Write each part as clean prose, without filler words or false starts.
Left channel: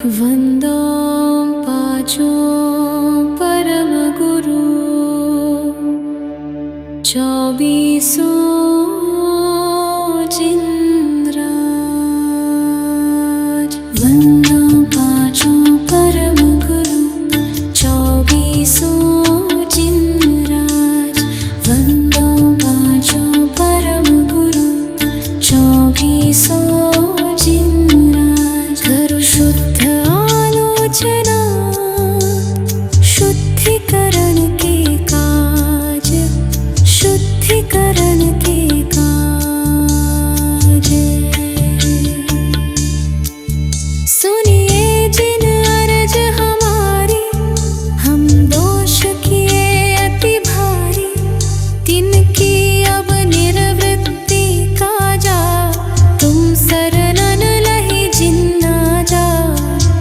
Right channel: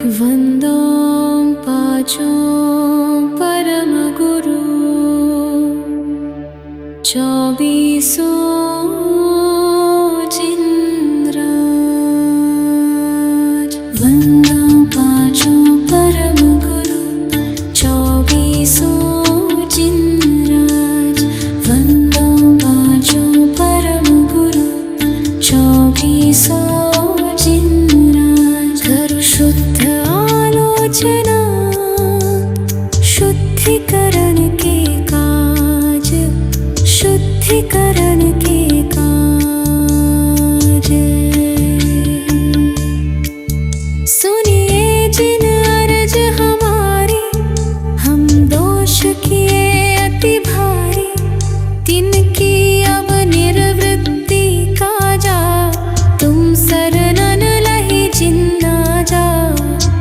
वंदों पाँचों परम गुरु, चौबीसों जिनराज। वंदों पाँचों परम गुरु, चौबीसों जिनराज। वंदों पाँचों परम गुरु, चौबीसों जिनराज। करो शुद्ध आलोचना, शुद्धिकरण के काज, शुद्धिकरण के काज। सुनिए जिन अर्ज हमारी, हम दोष किए अति भारी, तिनकी अब निर्वृत्ति काजा। तुम शरणन लहि जिन्ना जा,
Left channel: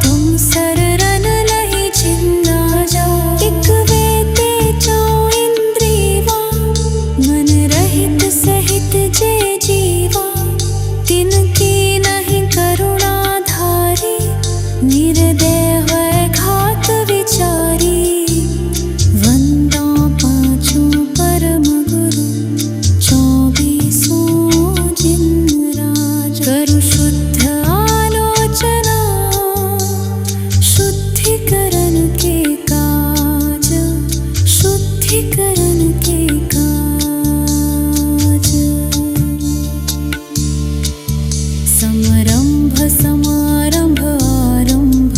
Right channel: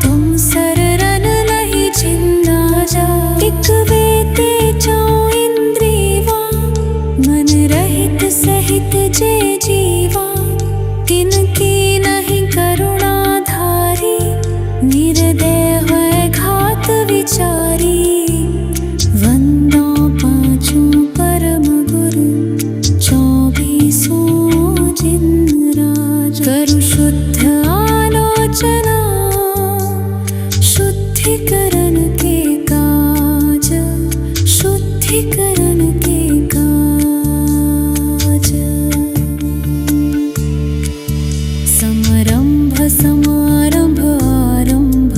तुम शरणन लहि जिन्ना जा। एक वेते चौ इंद्रियवा, मन रहित सहित जे जीवा। तिनकी नहीं करुणा धारी, निर्दय है घात विचारी। वंदों पाँचों परम गुरु, चौबीसों जिनराज। करो शुद्ध आलोचना, शुद्धिकरण के काज, शुद्धिकरण के काज। समरंभ समारंभ आरंभ,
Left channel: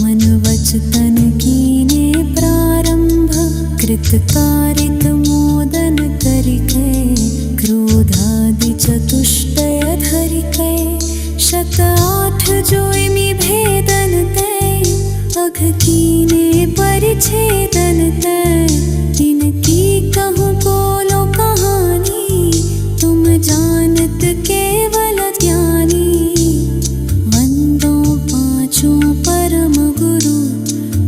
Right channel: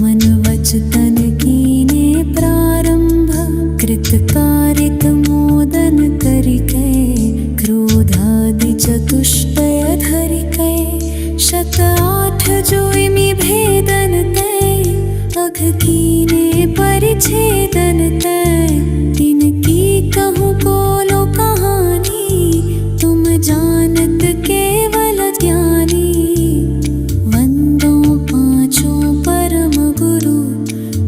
मन वच तन कीने प्रारंभ। कृतकारित मोदन करिकै, क्रोधादि चतुष्टय धरिकै। शत आठ जोइमि भेदन तै, अघ कीने परिच्छेदन तै। तिनकी कहूँ कोलो कहानी, तुम जानत केवल ज्ञानी। वंदों पाँचों परम गुरु,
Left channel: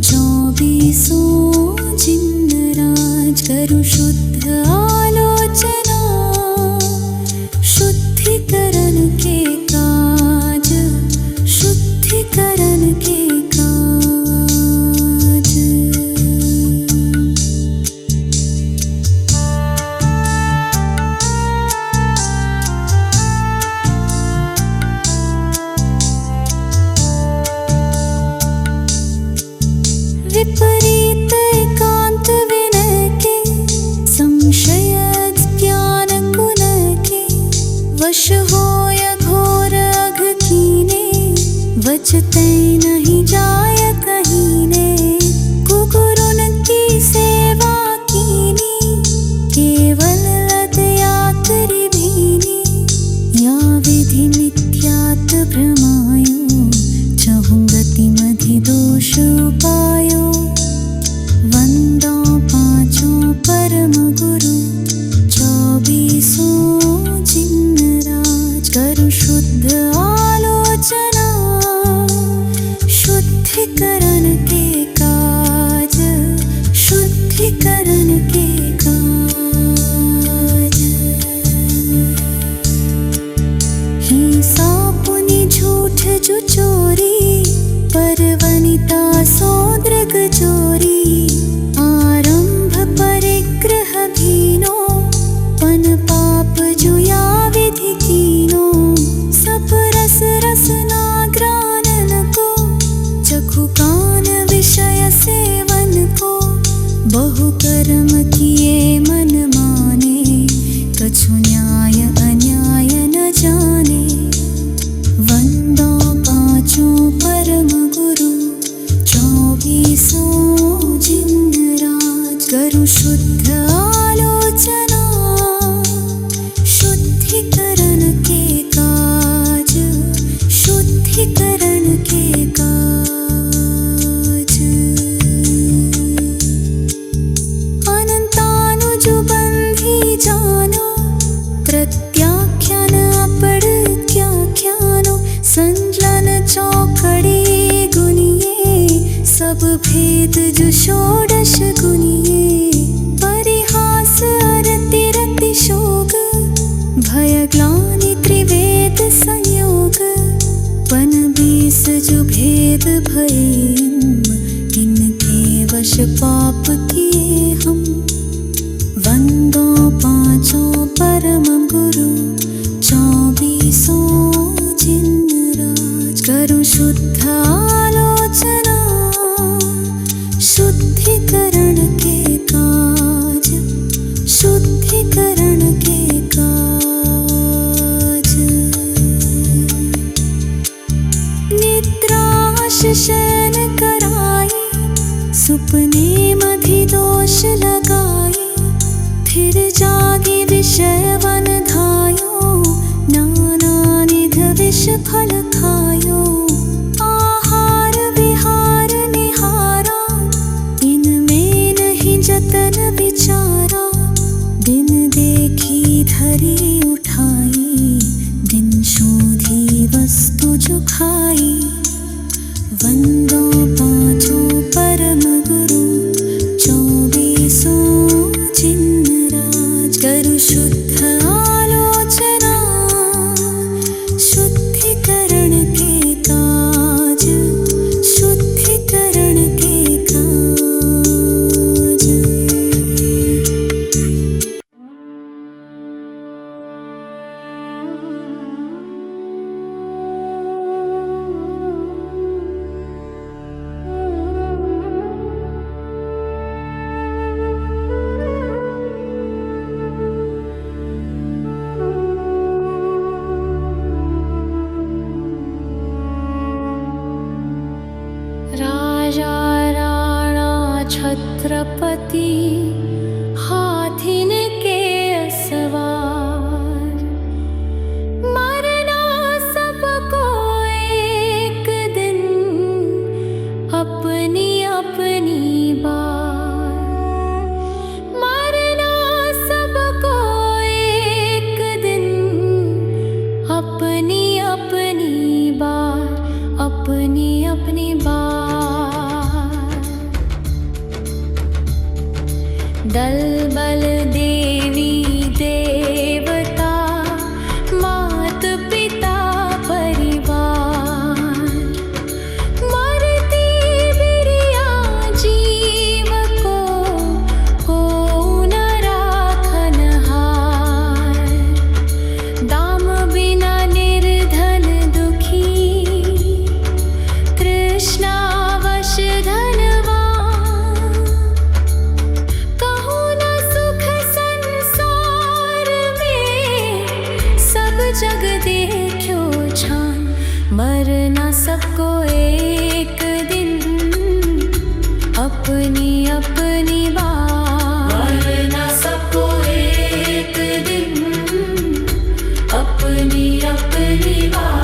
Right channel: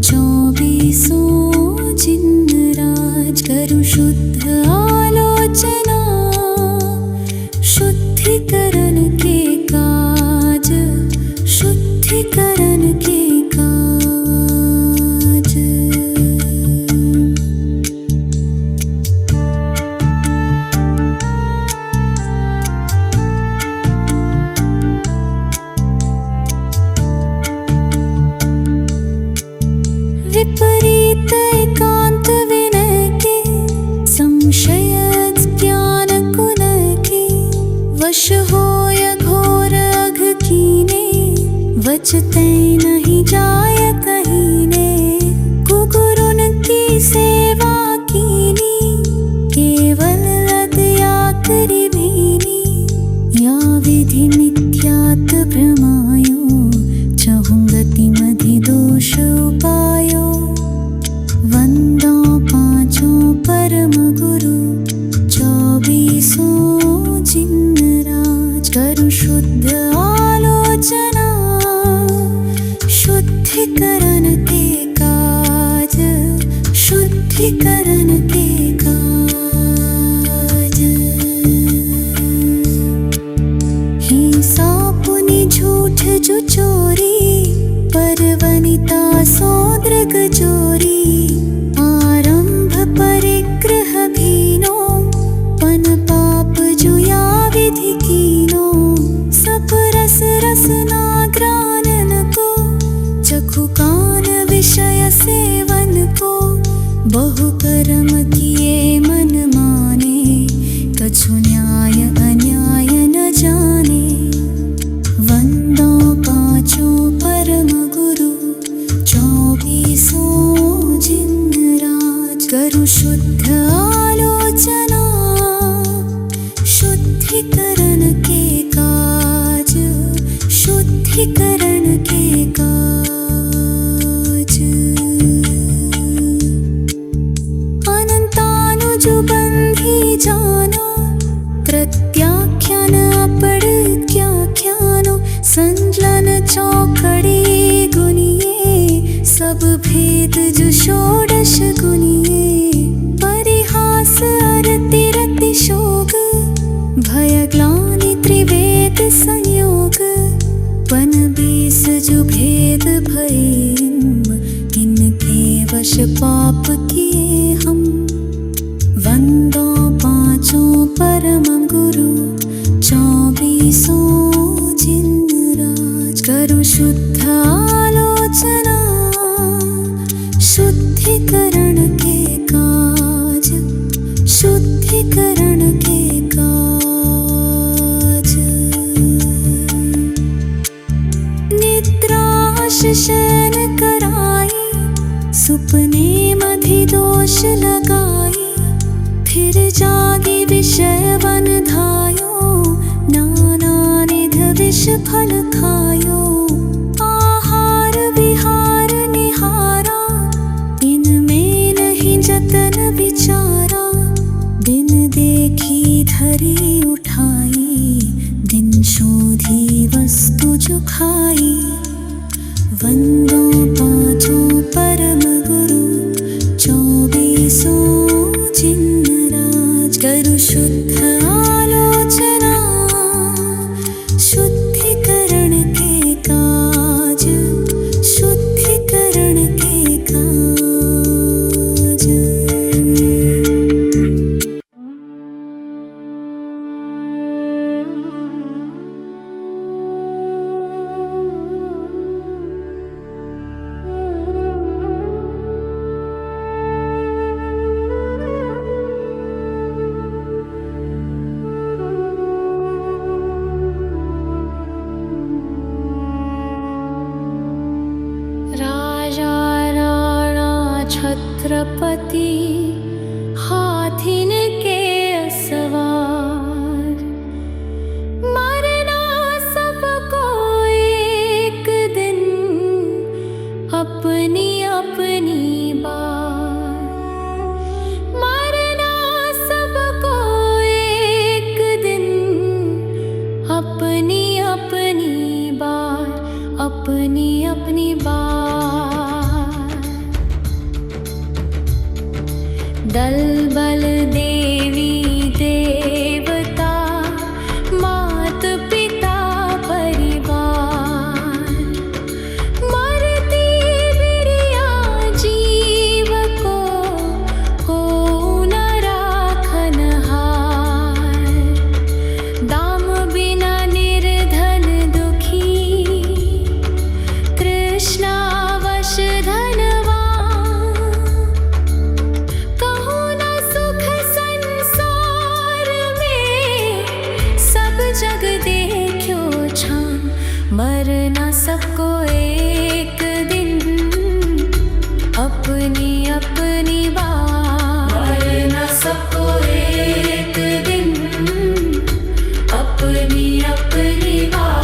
चौबीसों जिनराज। करो शुद्ध आलोचना, शुद्धिकरण के काज, शुद्धिकरण के काज। विपरीत एकांत विनय के, संशय ज्ञान कुन के। वश होय घोर अघ कीने, वचतै नहीं जाय कहीने। कुगुरुन की सेवा कीनी, केवल लद या करि भीनी। या विधि मिथ्यात भ्रमायो, चहुं गति मधि दोष उपायो। वंदों पाँचों परम गुरु, चौबीसों जिनराज। करो शुद्ध आलोचना, शुद्धिकरण के काज, शुद्धिकरण के काज। हिंसा पुनि झूठ जो चोरी, परवनिता सौदृग जोरी। आरंभ परिग्रह भीनो, पन पाप जुया विधि कीनो। सब रस रसना ग्रानन को, चखु कान विषय सेवन को। बहु कर्म किए मन माने, कछु न्याय अन्याय न जाने। वंदों पाँचों परम गुरु, चौबीसों जिनराज। करो शुद्ध आलोचना, शुद्धिकरण के काज, शुद्धिकरण के काज। अनंतानुज बंधी जानो, प्रत्याख्यान अपढ़त्याख्यानो। संजलन चौकड़ी गुनिए, सब भेद जो षोडश गुनिए। परिहास अरति रति शोक, भय ग्लानि त्रिवेद संयोग। छप्पन बीस जो भेद भये इनके वश पाप किए हम। वंदो पांचों परम गुरु 24 जिन राज। करूं शुद्ध आलोचना शुद्धिकरण के काज, शुद्धिकरण के काज। निद्राश शयन कराई सुपने मधि दोष लगाई। फिर जागी विषय वन धायो नाना निध विष फल खायो। आहार विहार निहारा इनमें नहीं जतन विचारा। दिन देखी धरी उठाई दिन शोधी वस्तु जो खाई। वंदो पांचों परम गुरु 24 जिन राज। करूं शुद्ध आलोचना शुद्धिकरण के काज, शुद्धिकरण के काज। राजा राणा छत्रपति हाथिन के सवार। मरना सबको एक दिन अपनी अपनी बार। मरना सबको एक दिन अपनी अपनी बार, अपनी अपनी बार। दल बल देवी देवता मात पिता परिवार। मरती बिरिया जीव को न राखन हार। दाम बिना निर्धन दुखी कृष्णावश धनवान। कहूँ न सुख संसार में सब जग देखो छान। मरना सबको एक दिन अपनी अपनी बार। मरना सबको एक दिन अपनी अपनी बार।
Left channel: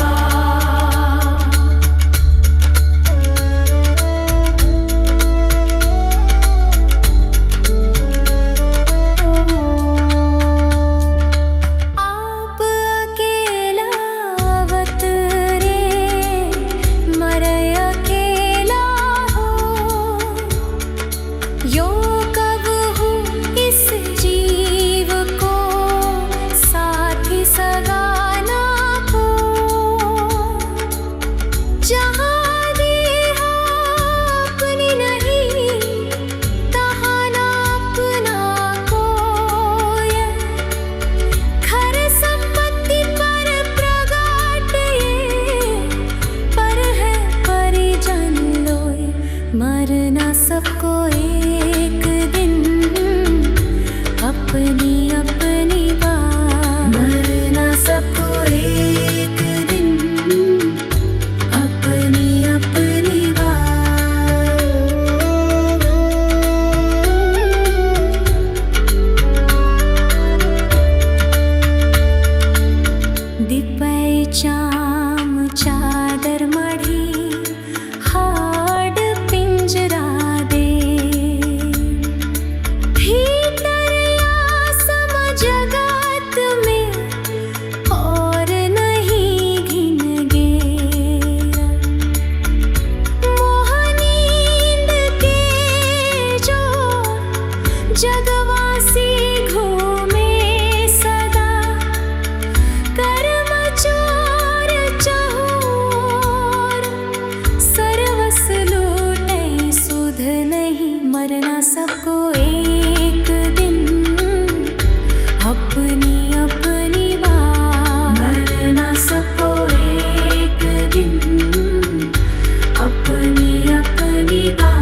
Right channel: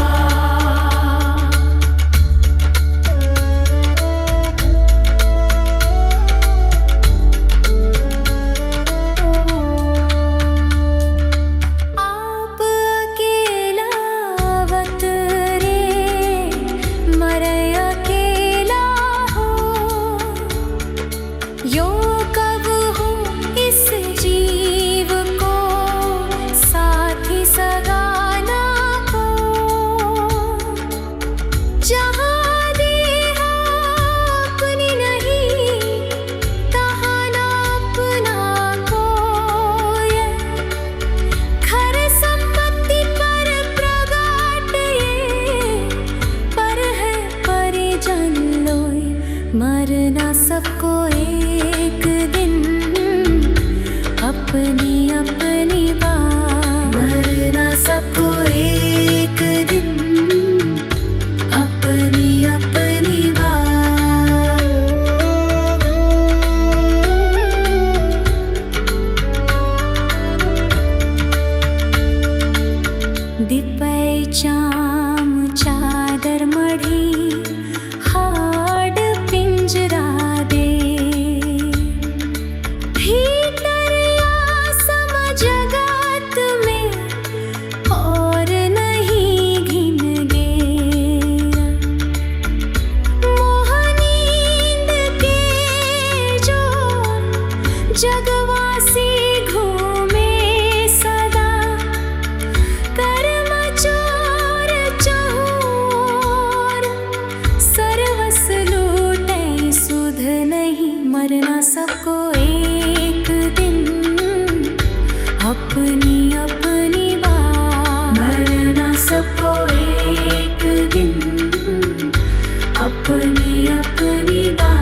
यो कब हो इस जीव को साथी सगाना को। जहाँ देहा अपनी नहीं तहाँ ना अपना कोई। खर संपत्ति पर प्रगाट ये पर है परिजन लोय। मरना सबको एक दिन अपनी अपनी बार। मरना सबको एक दिन अपनी अपनी बार। दिपै चाम चादर मढ़ी हाड पिंजरा दे। भीतर आसम जगत में और नहीं घिन गेरा। मोह नींद के जो जगवासी घूमे सदा। कर्म चोर चहु लूटे सुध नहीं, मरना सबको एक दिन, अपनी अपनी बात। मरना सबको एक दिन, अपनी अपनी बात।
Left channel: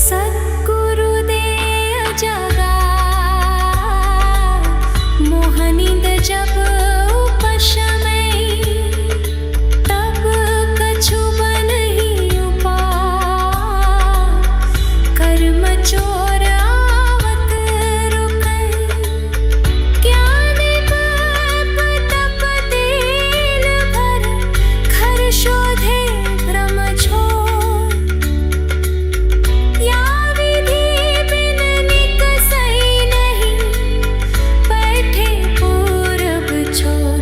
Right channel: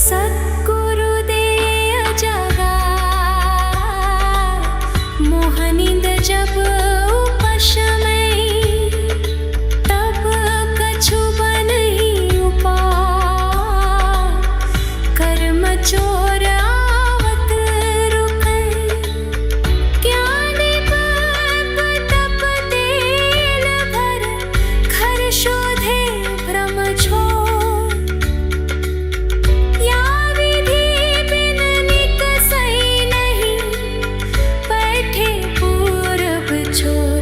सद्गुरुदेव जगा मोहनिंद जब उपशमय, तब कछु बन ही उपाय, कर्म चोर आवत रुकै। ज्ञान बप तप तेल भर, घर शोधे भ्रम छोड़। या विधि बिन निकसई नहीं, बैठे पूरब छोर।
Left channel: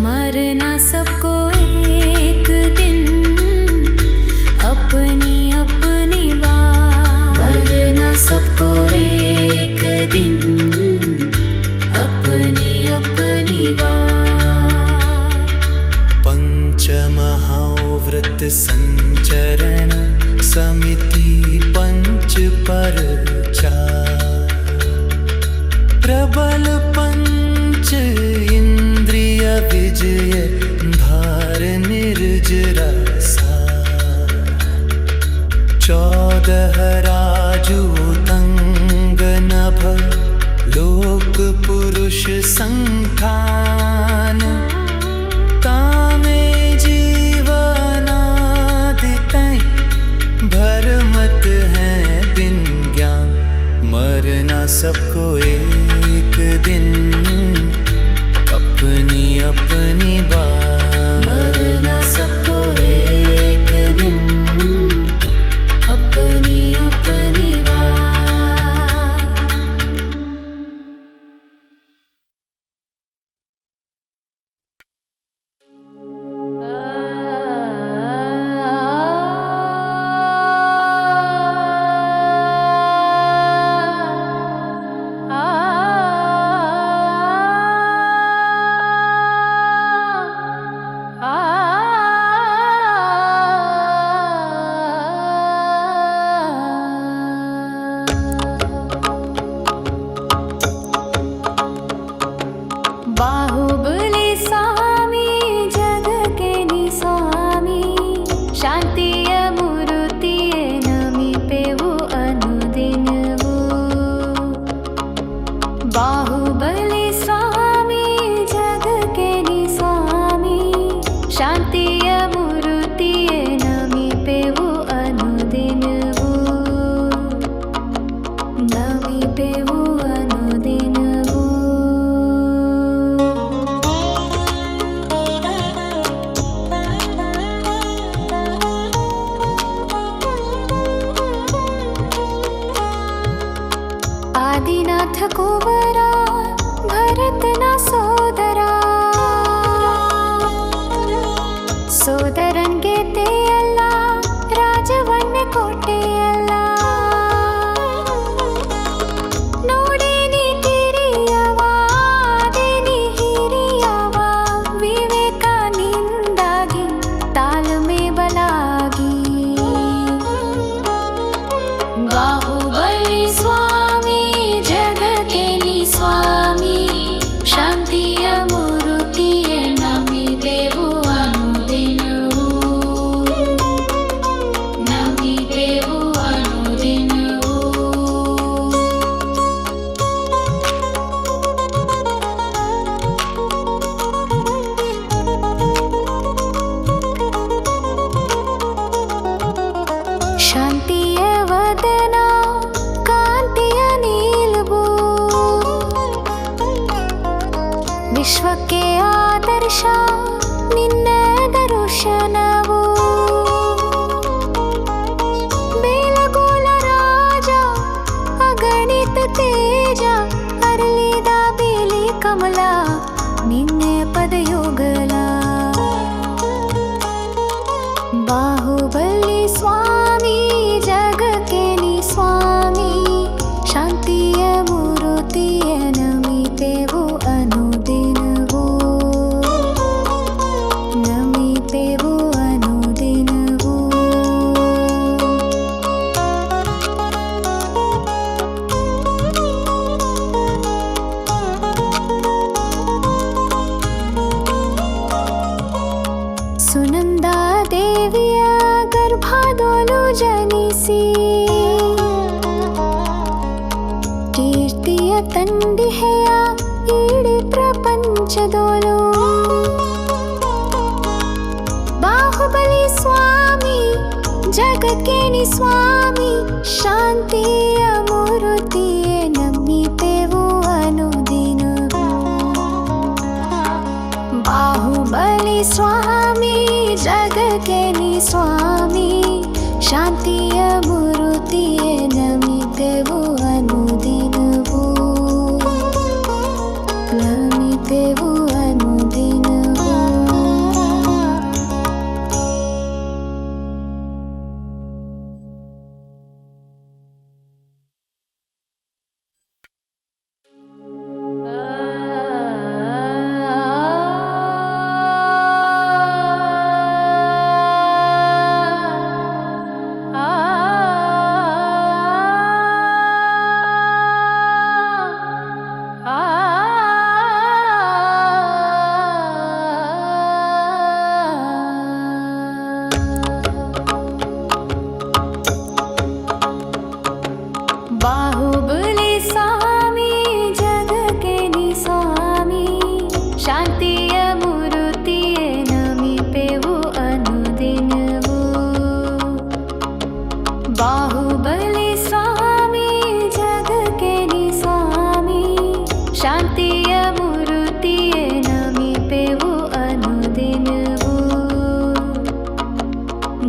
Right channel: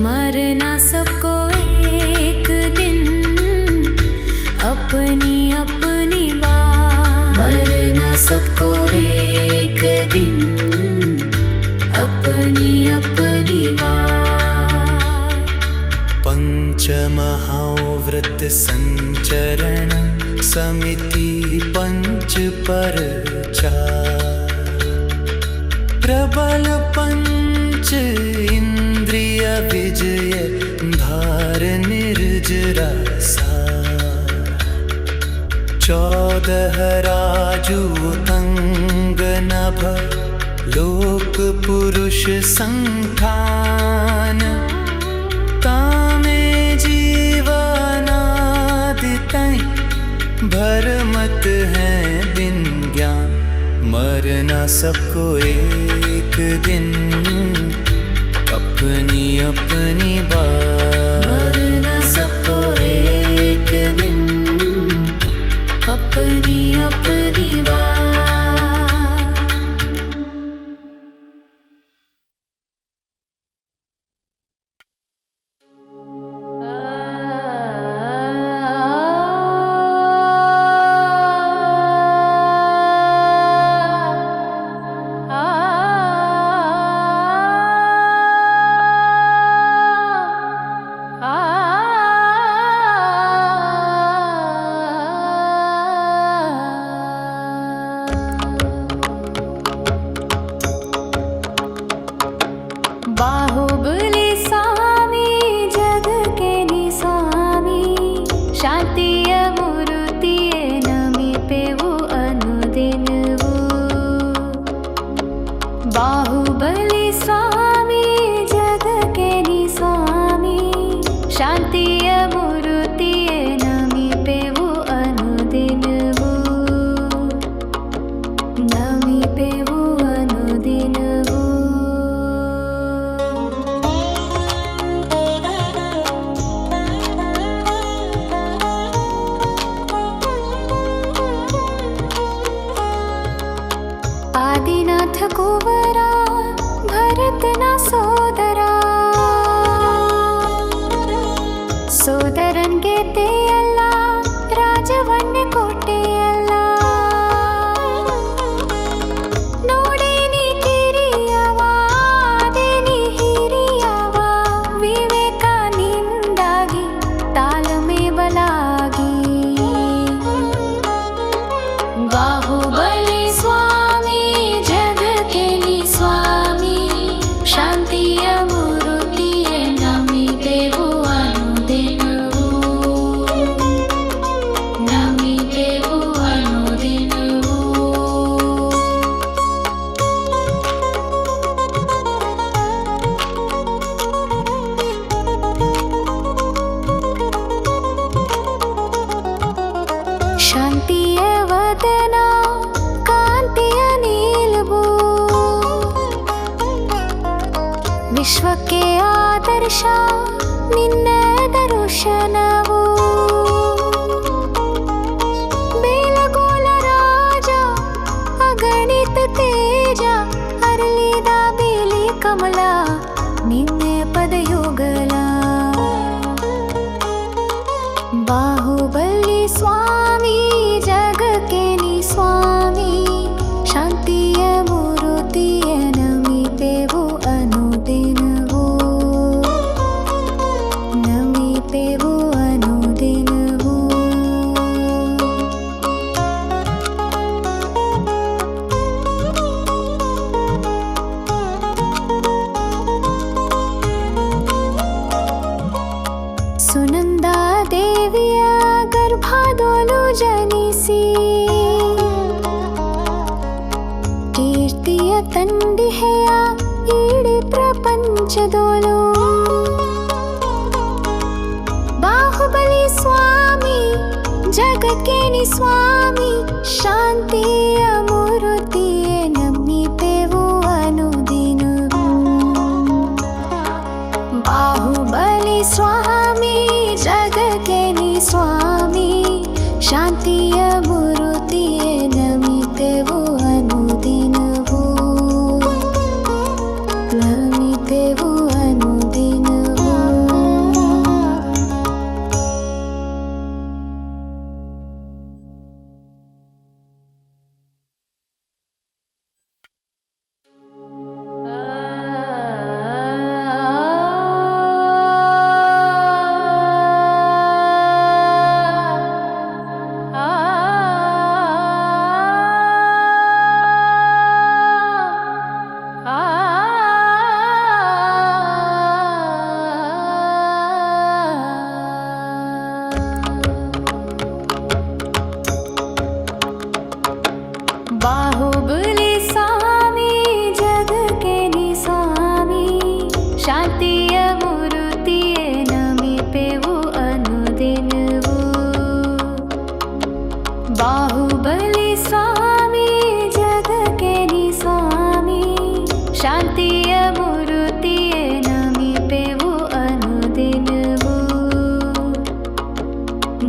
मरना सबको एक दिन, अपनी अपनी बात। मरना सबको एक दिन, अपनी अपनी बात। पंचमहाव्रत संचरण समिति पंच पर चार। प्रबल पंच इंद्रिय विजय, धार निर्जरा सार। 14 राजूतंग नभ, लोक पुरुष संठान। तामे जीवनादितै, भरमत हैं दिन ज्ञान। मरना सबको एक दिन, अपनी अपनी बात। मरना सबको एक दिन, अपनी अपनी बात। बाहुबली स्वामी जग के नि स्वामी, शांतिय मूर्तिय नमी पेवु अनुदिन वो। बाहुबली स्वामी जग के नि स्वामी, शांतिय मूर्तिय नमी पेवु अनुदिन वो। नमी पेवु अनुदिन वो। आदिनाथ कुंवरा भरत ना सोदरा, सोदरन गेते अल्ला राजवन कोटे अल्ला। नोडेनी ಕಿರಿಯವಾ ದೇನಿ ಹಿರಿಯವಾ, ವಿವೇಕಾನಿಂದಾಗಿ ತಾಳ್ಮೆ ಬಲಾಗಿ। बाहुबली स्वामी जग के नि स्वामी, शांतिय मूर्तिय नमी पेवु अनुदिन वो। नमी पेवु अनुदिन वो। शांतिय वदना कांतिय नीलबू, विश्व के आदर्श निन्न दर्शनवू। बेलगोल राजा अगणित तेज, अरलिदा बेली कमला निन्ने पदयुगला। बाहुबली स्वामी जग के नि स्वामी, शांति ಶಾಂತಿಯ ಮೂರುತಿಯ ನಮಿತೆವು ಅನುದಿನವೂ ನಮಿತೆವು ಅನುದಿನವೂ ಸುನಂದಾ ದೇವಿಯ ಗರ್ಭದೊಳು ಜನಿಸಿ ಕೀರ್ತಿಯ ತಂದಿಹೆಯ ಇಡೀ ಪ್ರಪಂಚದೋಳು ಬಾಹುಬಲಿ ಸ್ವಾಮಿ ಜಗಕ್ಕೇನಿ ಸ್ವಾಮಿ ಶಾಂತಿಯ ಮೂರುತಿಯೇ ನಮಿತೆವು ಅನುದಿನವೂ ಬಾಹುಬಲಿ ಸ್ವಾಮಿ ಜಗಕ್ಕೇನಿ ಸ್ವಾಮಿ ಶಾಂತಿಯ ಮೂರುತಿಯೇ ನಮಿತೆವು ಅನುದಿನವೂ ನಮಿತೆವು ಅನುದಿನವೂ ಬಾಹುಬಲಿ ಸ್ವಾಮಿ ಜಗಕ್ಕೇನಿ ಸ್ವಾಮಿ ಶಾಂತಿಯ ಮೂರುತಿಯೇ ನಮಿತೆವು ಅನುದಿನವೂ ಬಾಹುಬಲಿ ಸ್ವಾಮಿ ಜಗಕ್ಕೇನಿ ಸ್ವಾಮಿ ಶಾಂತಿಯ ಮೂರುತಿಯೇ ನಮಿತೆವು ಅನುದಿನವೂ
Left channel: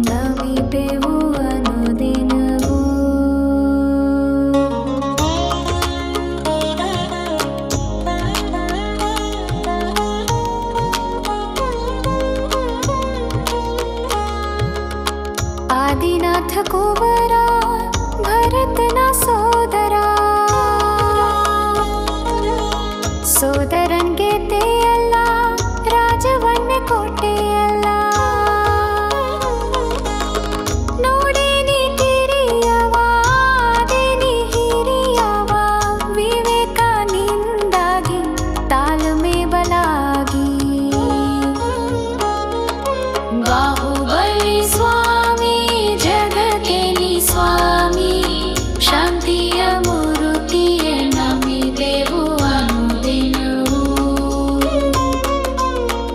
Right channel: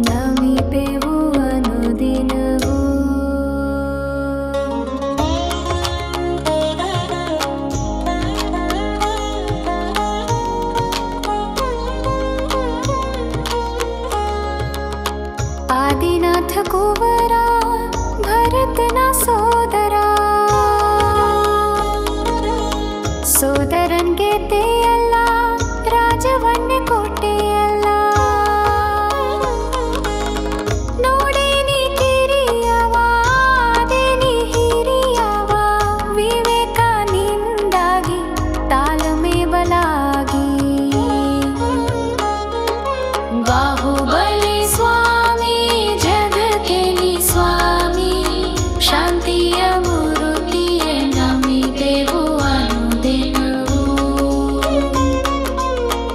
ನಮಿತೆವು ಅನುದಿನವೂ ಆದಿನಾಥ ಕುವರ ಭರತನ ಸೋದರ ಸೋದರನ್ಗೆ ತೆಯಲ್ಲ ರಾಜವನ್ನೇ ಕೊಟ್ಟೆಯಲ್ಲ ನೋಡೇನಿ ಕಿರಿಯವ ದೇನಿ ಹಿರಿಯವ ವಿವೇಕನಿಂದಾಗಿ ತಾಳ್ಮೆ ಬಲಾಗಿ ಬಾಹುಬಲಿ ಸ್ವಾಮಿ ಜಗಕ್ಕೇನಿ ಸ್ವಾಮಿ ಶಾಂತಿಯ ಮೂರುತಿಯೇ ನಮಿತೆವು ಅನುದಿನವೂ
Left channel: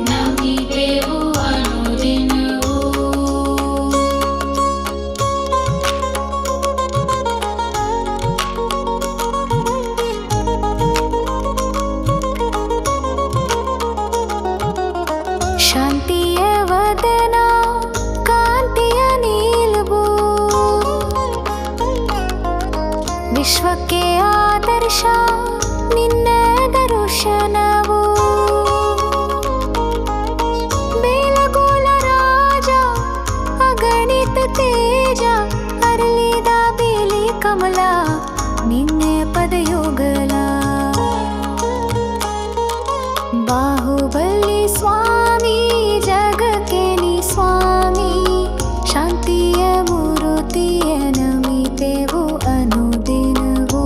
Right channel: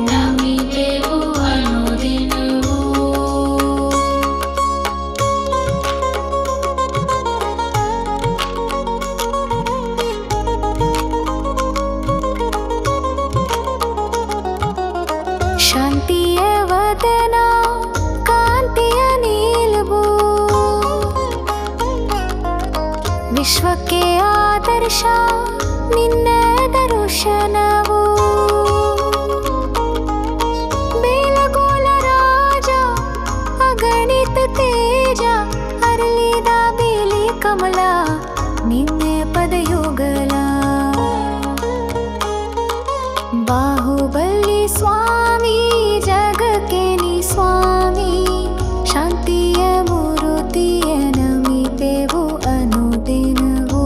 ನಮಿತೆವು ಅನುದಿನವೂ ಶಾಂತಿಯ ವದನ ಕಾಂತಿಯ ನೀಲವು ವಿಶ್ವಕ್ಕೆ ಆದರ್ಶ ನಿನ್ನ ದರ್ಶನವು ಬೇಲಗೋಲ ರಾಜ ಅಗಣಿತ ತೇಜ ಅರಳಿದ ಬೇಲಿ ಕಮಲ ನಿನ್ನೆ ಪದಯುಗಲ ಬಾಹುಬಲಿ ಸ್ವಾಮಿ ಜಗಕ್ಕೇನಿ ಸ್ವಾಮಿ ಶಾಂತಿಯ ಮೂರುತಿಯ ನಮಿತೆವು ಅನುದಿನವೂ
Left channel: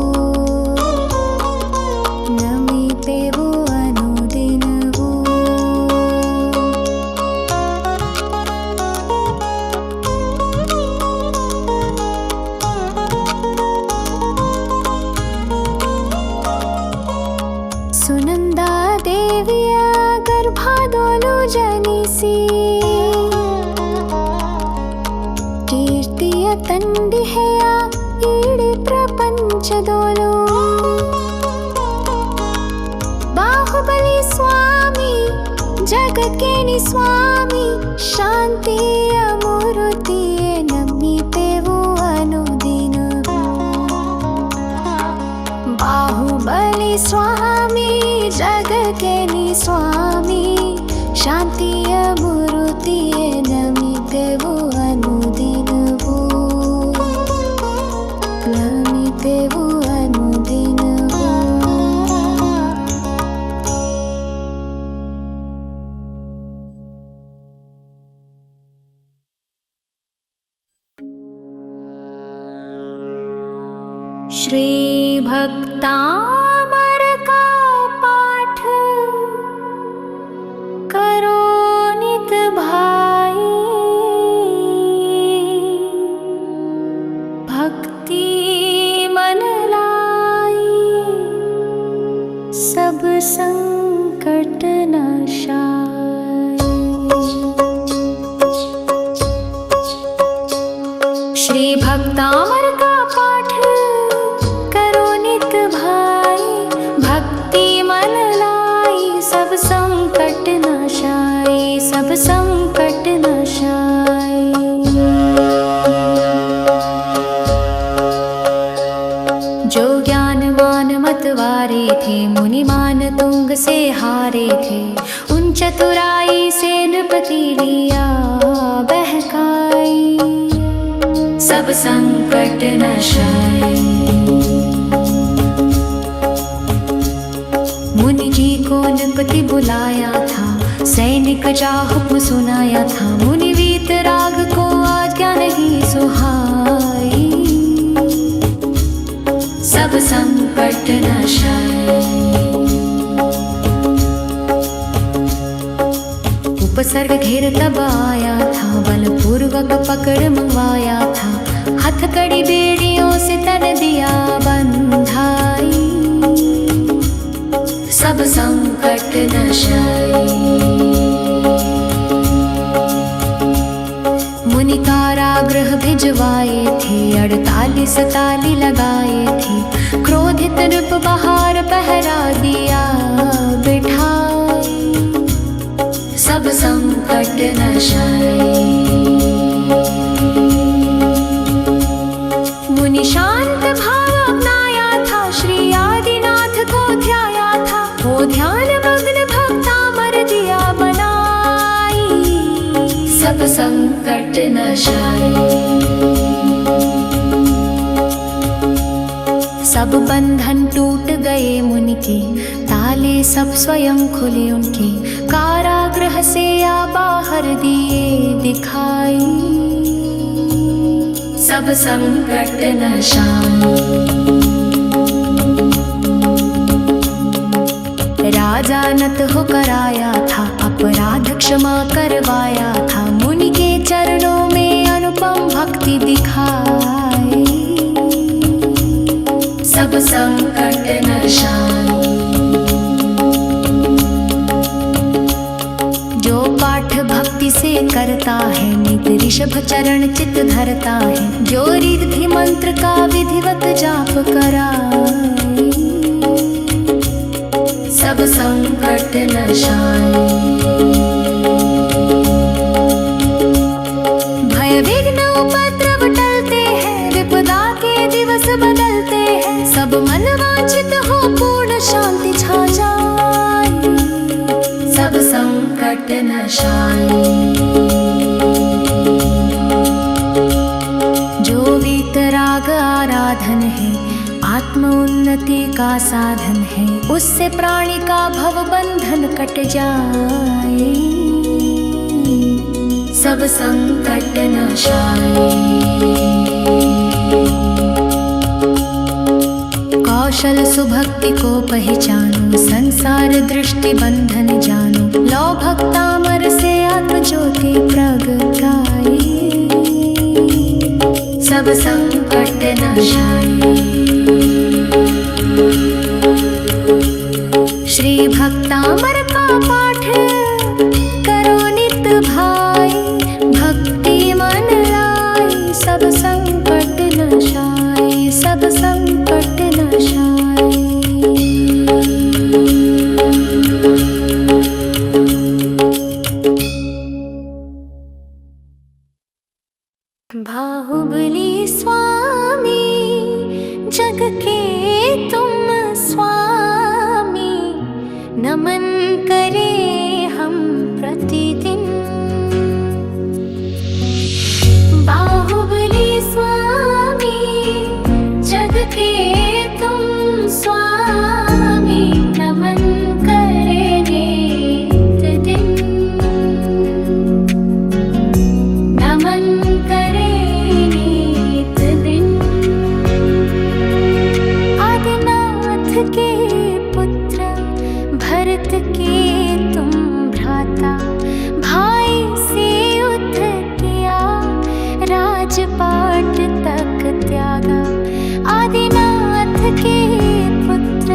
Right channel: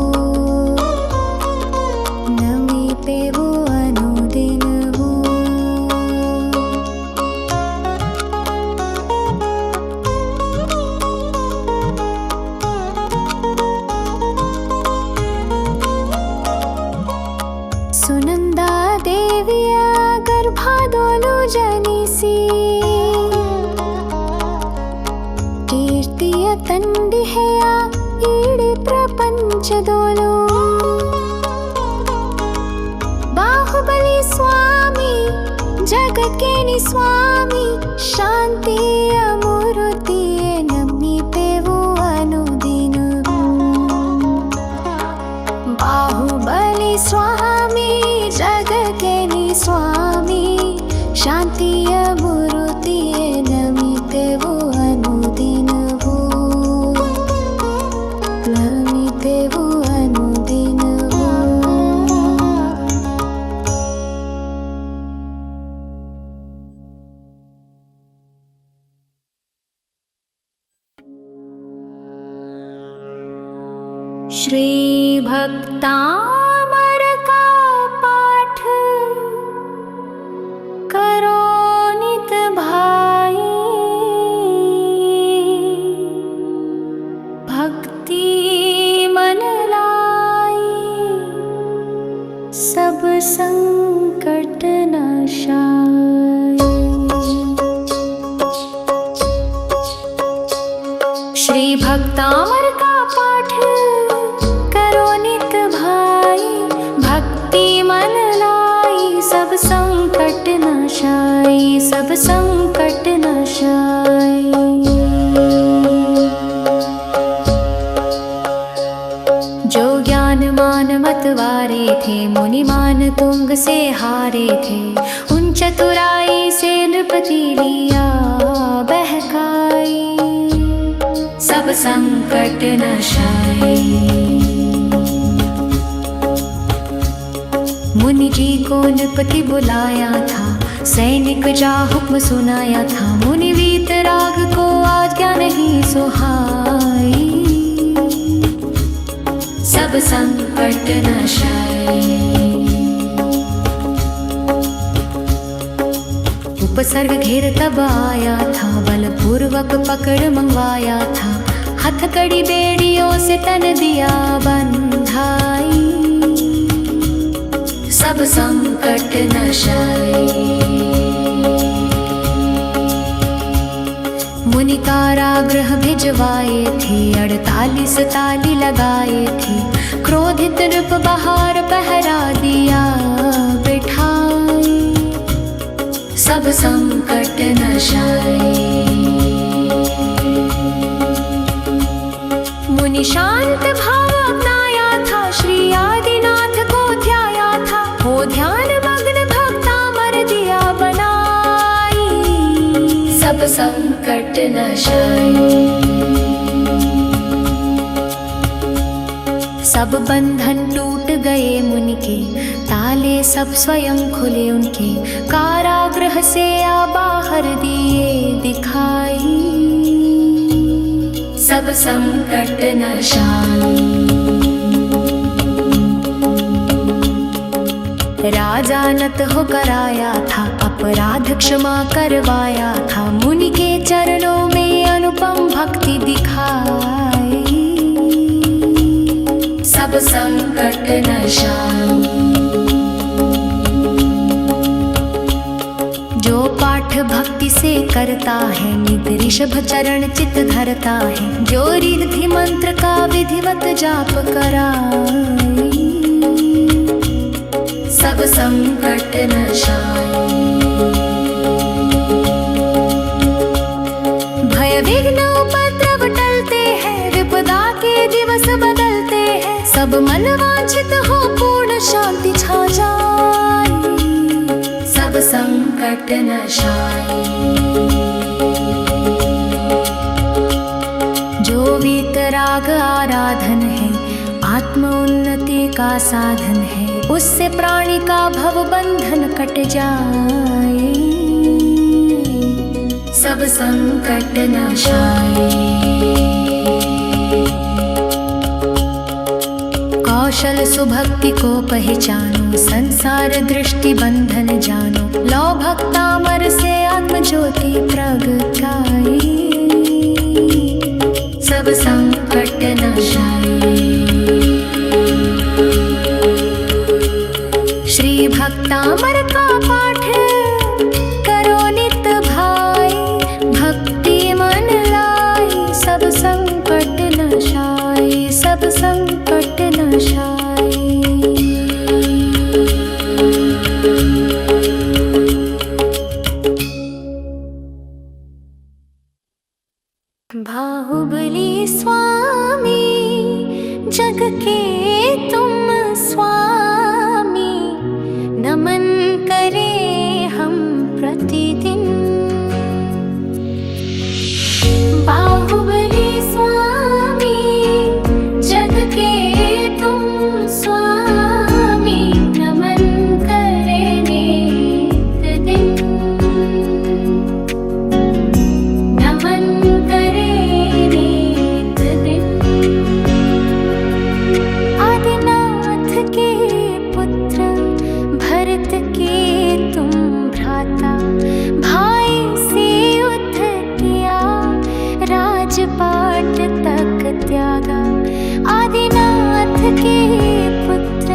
ನಮಿತೆವು ಅನುದಿನವೂ ಸುನಂದಾ ದೇವಿಯ ಗರ್ಭದೊಳು ಜನಿಸಿ ಕೀರ್ತಿಯ ತಂದಿಹೆಯ ಇಡೀ ಪ್ರಪಂಚದೋಳು ಬಾಹುಬಲಿ ಸ್ವಾಮಿ ಜಗಕ್ಕೇನಿ ಸ್ವಾಮಿ ಶಾಂತಿಯ ಮೂರುತಿಯೇ ನಮಿತೆವು ಅನುದಿನವೂ ಬಾಹುಬಲಿ ಸ್ವಾಮಿ ಜಗಕ್ಕೇನಿ ಸ್ವಾಮಿ ಶಾಂತಿಯ ಮೂರುತಿಯೇ ನಮಿತೆವು ಅನುದಿನವೂ ನಮಿತೆವು ಅನುದಿನವೂ श्री भक्तामर का पाठ करो नित भाई, भक्ति मन लाई सब संकट नाशाय। श्री भक्तामर का पाठ करो नित भाई, भक्ति मन लाई सब संकट नाशाय, सब संकट नाशाय। जो ज्ञान मान मतवारे थे, मुनि मान तुंग से हारे थे, उन चतुराई से नृपति लिया बहकाई, सब संकट नाशाय। मुनि जी को नृपति बुलाया था, सैनिक जा हुक्म सुनाया था, मुनि वीतराग को आज्ञा नहीं सुहाई, सब संकट नाशाय। उपसर्ग घेर तब आया था, बलपूर्वक पकड़ मंगवाया था, हथकड़ी बेड़ियों से तन दिया बंधाई, सब संकट नाशाय। मुनि कारागृह भिजवाए थे, 48 ताली लगाए थे, क्रोधित नृप बाहर पहरा दिया बिठाई, सब संकट नाशाय। मुनि शांत भाव अपनाया था, श्री आदिनाथ को ध्याया था, वो ध्यान मग्न भक्तामर दिया बनाई, सब संकट नाशाय। सब बंधन टूट गए मुनि के, ताले सब स्वयं खुले उनके, कारागृह से आ बाहर दिए दिखाई, सब संकट नाशाय। राजा नत होकर आया था, अपराध क्षमा करवाया था, मुनि के चरणों में अनुपम भक्ति दिखाई, सब संकट नाशाय। जो पाठ भक्ति से करता है, नित ऋषभ चरण चित धरता है, जो रिद्धि मंत्र का विधिवत जाप कराई, सब संकट नाशाय। भय विघ्न उपद्रव टलते हैं, विपदा के दिवस बदलते हैं, सब मन वांछित हो पूर्ण शांति छा जाए, सब संकट नाशाय। जो वीतराग आराधन है, आत्म उन्नति का साधन है, उससे प्राणी का भव बंधन कट जाए, सब संकट नाशाय। कौशल सुभक्ति को पहचानो, संसार दृष्टि बंधन जानो, लो भक्तामर से आत्म ज्योति प्रगटाई, सब संकट नाशाय। श्री भक्तामर का पाठ करो नित भाई, भक्ति मन लाई सब संकट नाशाय, सब संकट नाशाय। बाहुबली स्वामी जग के तुम स्वामी, नमन करें हम प्रतिदिन। बाहुबली स्वामी जग के तुम स्वामी, नमन करें नित दिन, नमन करें नित दिन। के पुत्र, भरत के तुम भ्राता। भाई से युद्ध किया, राजपाट तक त्यागा। आदिनाथ के पुत्र,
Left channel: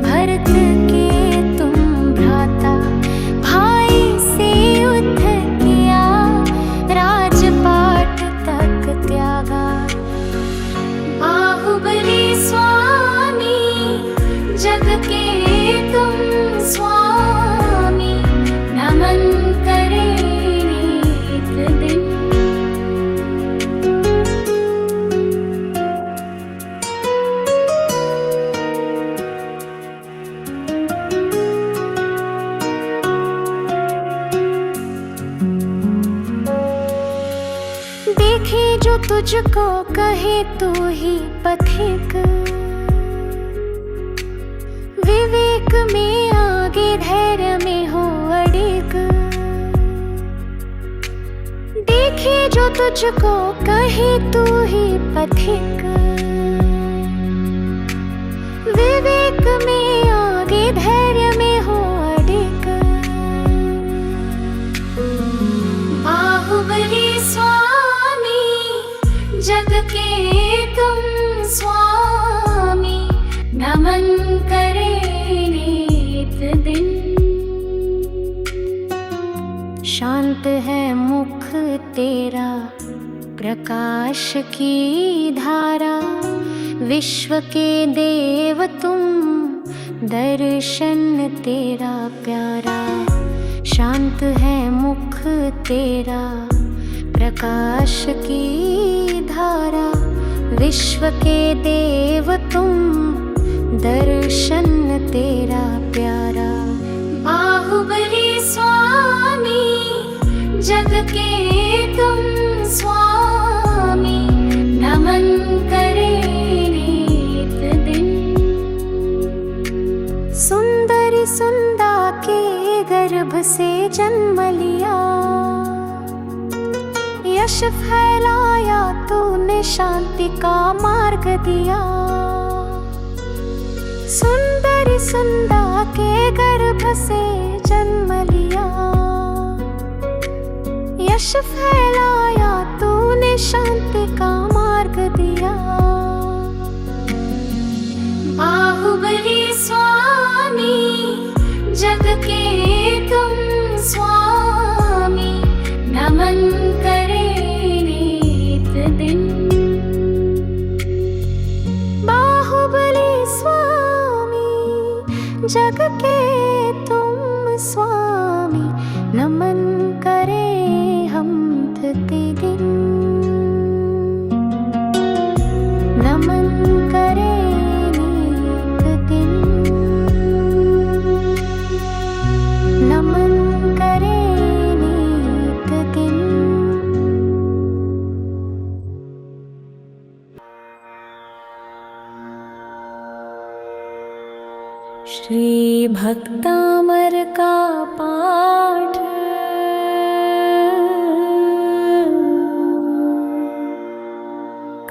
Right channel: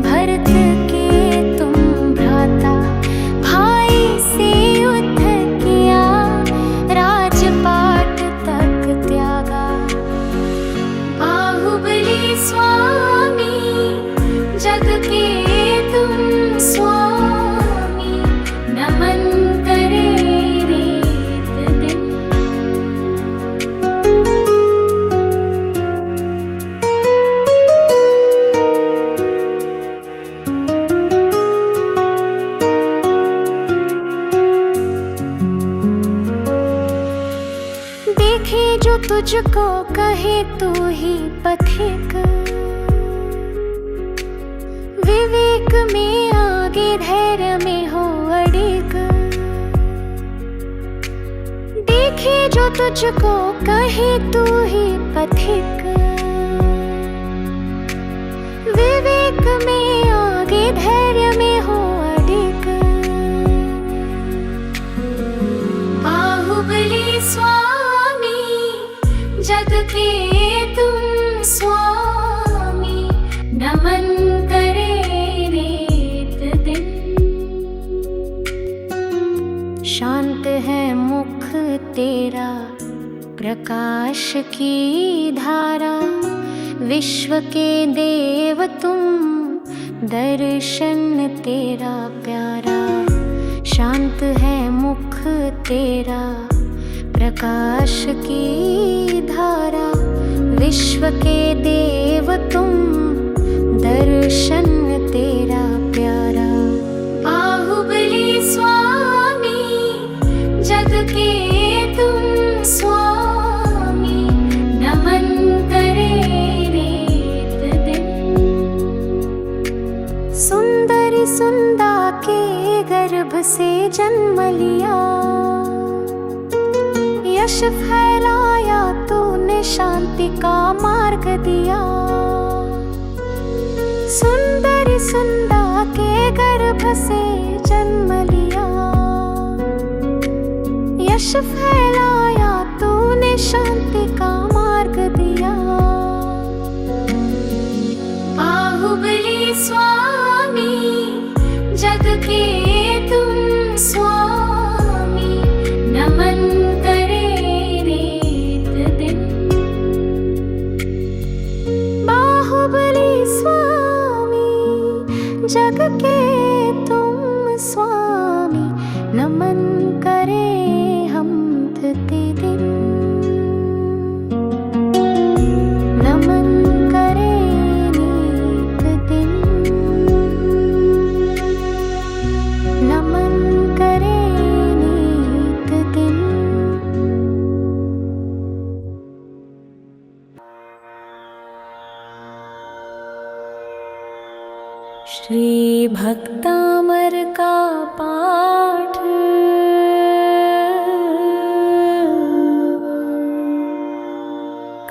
भरत के तुम भ्राता। भाई से युद्ध किया, राजपाट तक त्यागा। बाहुबली स्वामी, जग के तुम स्वामी। नमन करे नित दिन। देखे जो तुझको कहे तू ही पथिक। विवेक में आगे, धैर्य में हो अडिग। देखे जो तुझको कहे तू ही पथिक। विवेक में आगे, धैर्य में हो अडिग। बाहुबली स्वामी, जग के तुम स्वामी। नमन करे नित दिन। शांत है मुख तेरा, प्रकाश की धारा। विश्व के देव तुम, दर्शन तेरा प्यारा। शांत है मुख तेरा, प्रकाश की धारा। विश्व के देव तुम, दर्शन तेरा प्यारा। बाहुबली स्वामी, जग के तुम स्वामी। नमन करे नित दिन। सुंदरी सुंदा के गर्भ से जन्म लिया। यश फैलाया तूने, शांति का मार्ग दिया। सुंदरी सुंदा के गर्भ से जन्म लिया। यश फैलाया तूने, शांति का मार्ग दिया। बाहुबली स्वामी, जग के तुम स्वामी। नमन करे नित दिन। बाहुबली स्वामी, जग के तुम स्वामी। नमन करे हम प्रतिदिन। नमन करे नित दिन। नमन करे नित दिन। श्री भक्तामर का पाठ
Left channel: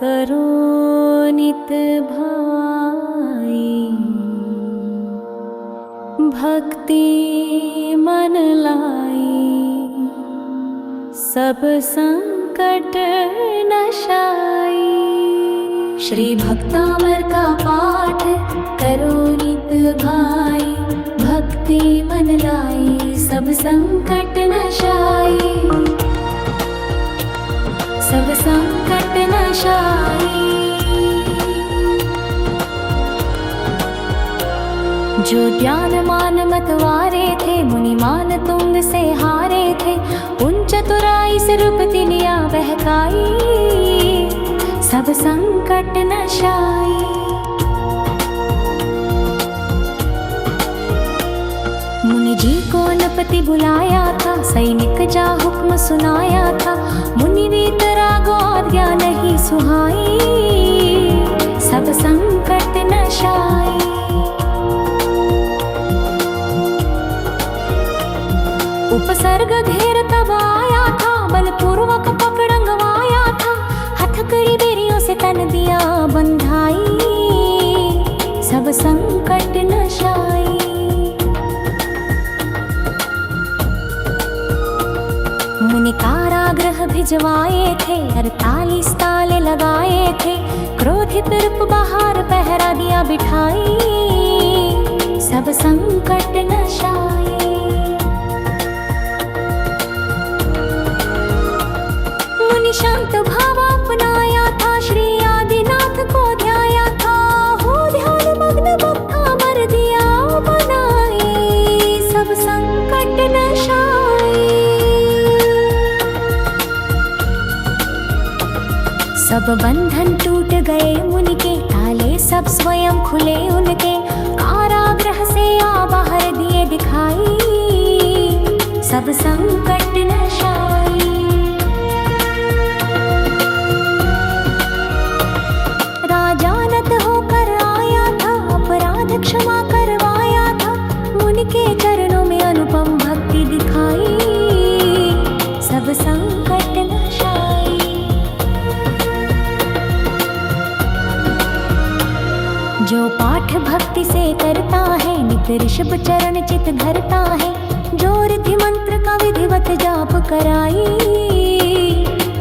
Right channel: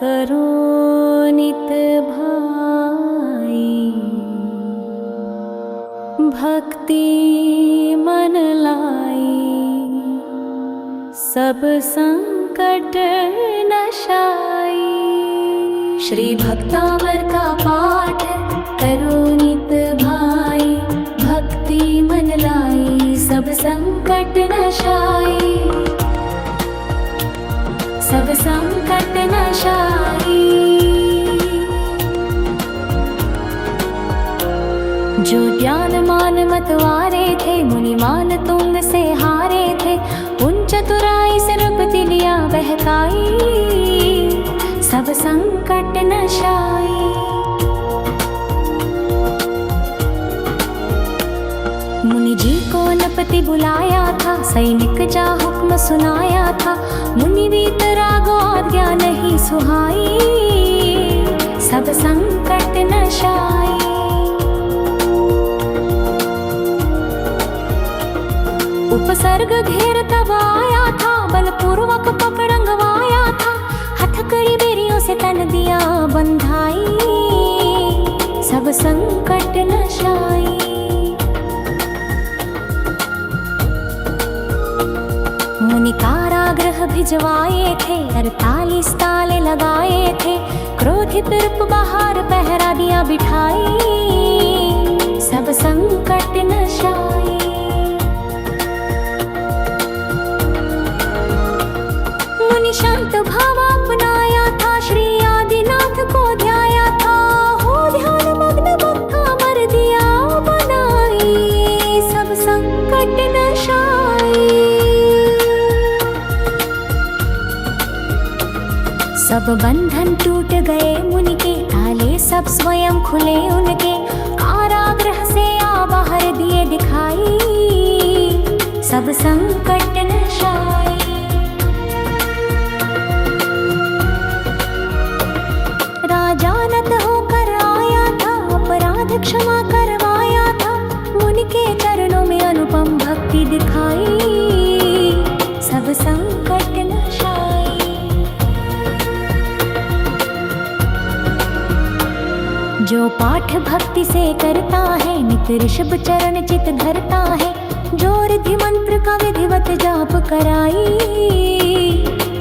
करो नित भाई। भक्ति मन लाई, सब संकट नशाई। श्री भक्तामर का पाठ करो नित भाई। भक्ति मन लाई, सब संकट नशाई। सब संकट नशाई। जो ज्ञान मान मतवारे थे, मुनि मान तुंग से हारे थे। उन चतुराई से रूपति लिया बहकाई, सब संकट नशाई। मुनि जी को नपति बुलाया था, सैनिक जा हुक्म सुनाया था। मुनि वीतरागो आज्ञा नहीं सुहाई, सब संकट नशाई। उपसर्ग घेर तब आया था, बलपूर्वक पकड़ंगवाया था। हथकड़ी बेरियों से तन दिया बंधाई, सब संकट नशाई। मुनि कारागृह भिजवाए थे, 48 ताले लगाए थे। क्रोधित नृप बाहर पहरा दिया बिठाई, सब संकट नशाई। मुनि शांत भाव अपनाया था, श्री आदिनाथ को ध्याया था। हो ध्यान मग्न भक्ता मर दिया बनाई, सब संकट नशाई। सब बंधन टूट गए मुनि के, ताले सब स्वयं खुले उनके। कारागृह से आ बाहर दिए दिखाई, सब संकट नशाई। राजा नत होकर आया था, अपराध क्षमा करवाया था। मुनि के चरणों में अनुपम भक्ति दिखाई, सब संकट नशाई। जो पाठ भक्ति से करता है, नित ऋषभ चरण चित धरता है। जो रिधि मंत्र का विधिवत जाप कराई,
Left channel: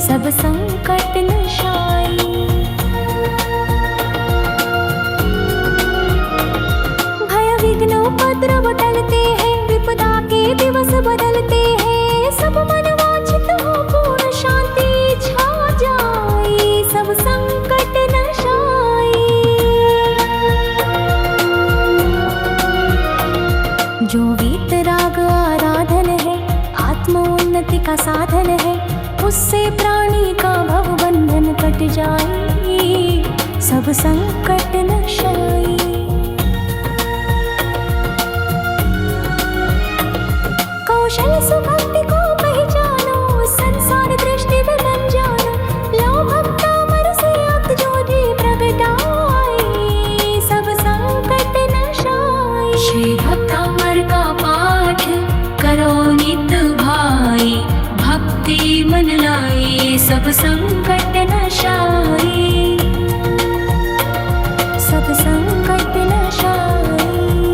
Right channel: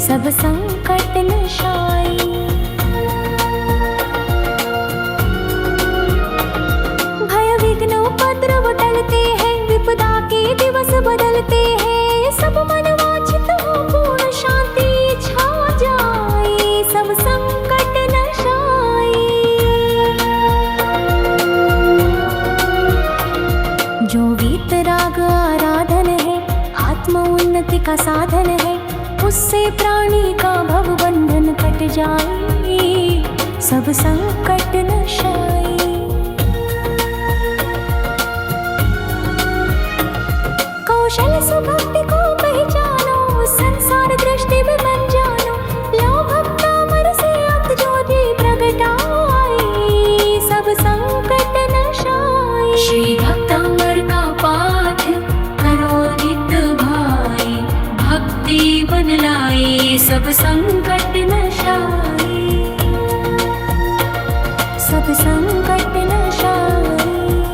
सब संकट नशाई। भय विघ्न उपद्रव टलते हैं, विपदा के दिवस बदलते हैं। सब मन वांछित हो पूर्ण शांति छा जाए, सब संकट नशाई। जो वीतराग आराधन है, आत्म उन्नति का साधन है। उससे प्राणी का भव बंधन कट जाए, सब संकट नशाई। कौशल सुभक्ति को पहचानो, संसार दृष्टि में मन जानो। लो भक्ता मन से अत ज्योति प्रगटाए, सब संकट नशाई। श्री भक्तामर का पाठ करो नित भाई, भक्ति मन लाई, सब संकट नशाई, सब संकट नशाई।